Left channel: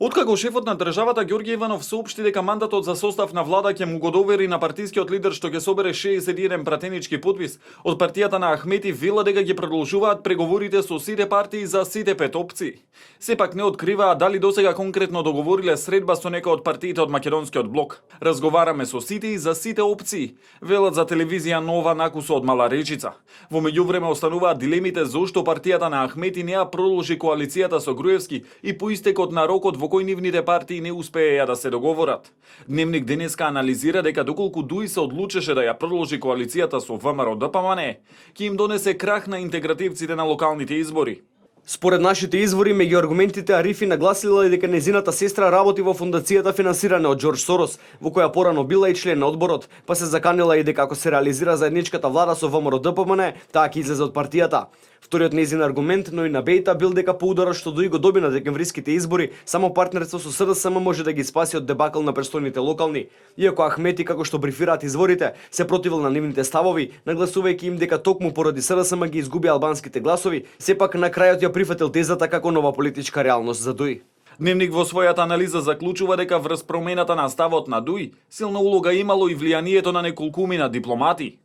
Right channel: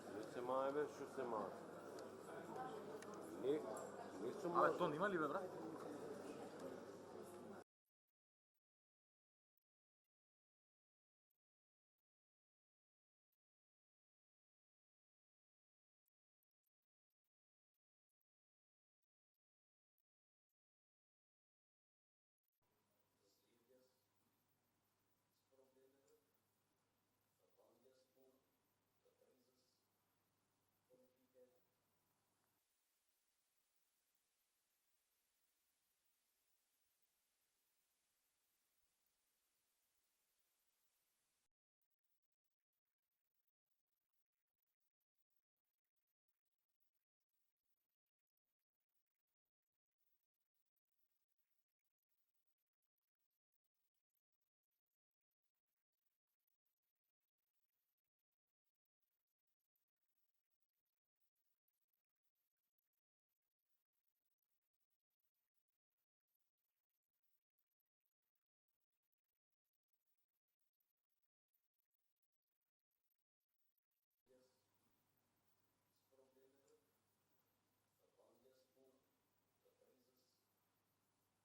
Откако шефот на државата Ѓорѓе Иванов соопшти дека мандатот за состав на влада ќе му го довери на партискиот лидер што ќе собере 61 пратенички подпис, од партијата на Ахмети вела дека ги продолжуваат преговорите со сите партии за сите 5 опции. Сепак не откриваа дали досега конкретно договориле средба со некој од партиите од македонскиот блок. Разговараме со сите и за сите опции, велат за телевизија Нова Накусо од Мала Речица. Во меѓувреме остануваат дилемите зошто партијата на Ахмети не ја продолжи коалицијата со Груевски и по истекот на рокот во кој нивните партии не успееја да се договорат. Дневник денеска анализира дека доколку ДУИ се одлучеше да ја продолжи коалицијата со ВМРО ДПМН, ќе им донесе крах на интегративците на локалните избори. Според нашите извори, меѓу аргументите Арифи нагласила и дека незината сестра работи во фундацијата финансирана од Џорџ Сорос, во која порано била и член на одборот, па се заканила и дека ако се реализира заедничката влада со ВМРО ДПМН, таа ќе излезе од партијата. Вториот незин аргумент, но и на Бејта, бил дека по ударот што ДУИ го доби на декемвриските избори, само партнерство со СДСМ може да ги спаси од дебакл на престојните локални. Иако Ахмети, како што брифираат изворите, се противил на нивните ставови, нагласувајќи им дека токму поради СДСМ ги изгуби албанските гласови, сепак на крајот ја прифатил тезата како нова политичка реалност за ДУИ. Дневник во својата анализа заклучува дека врз промената на ставот на ДУИ силна улога имало и влијанието на неколкумина дипломати.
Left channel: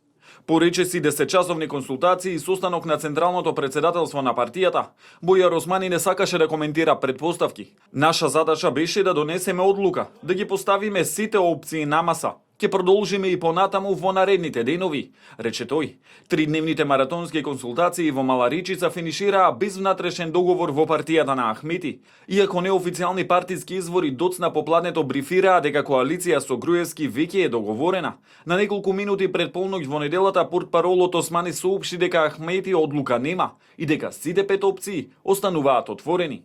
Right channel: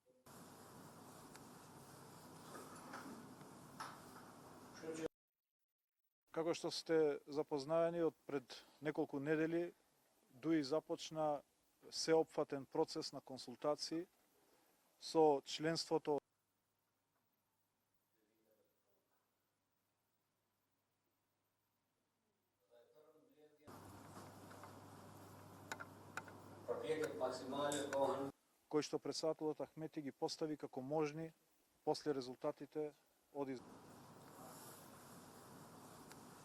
По речиси 10-часовни консултации и состанок на Централното председателство на партијата, Бојар Османи не сакаше да коментира предпоставки. Наша задача беше да донесеме одлука, да ги поставиме сите опции на маса. Ќе продолжиме и понатаму во наредните денови, рече тој. Тридневните маратонски консултации во Мала Речица финишираа без внатрешен договор во партијата на Ахмети. Иако неофицијални партиски извори доцна попладнето брифираа дека коалиција со Груевски веќе е договорена. На неколку минути пред полноќ во неделата портпаролот Османи соопшти дека Ахмети одлука нема и дека сите 5 опции остануваат отворени.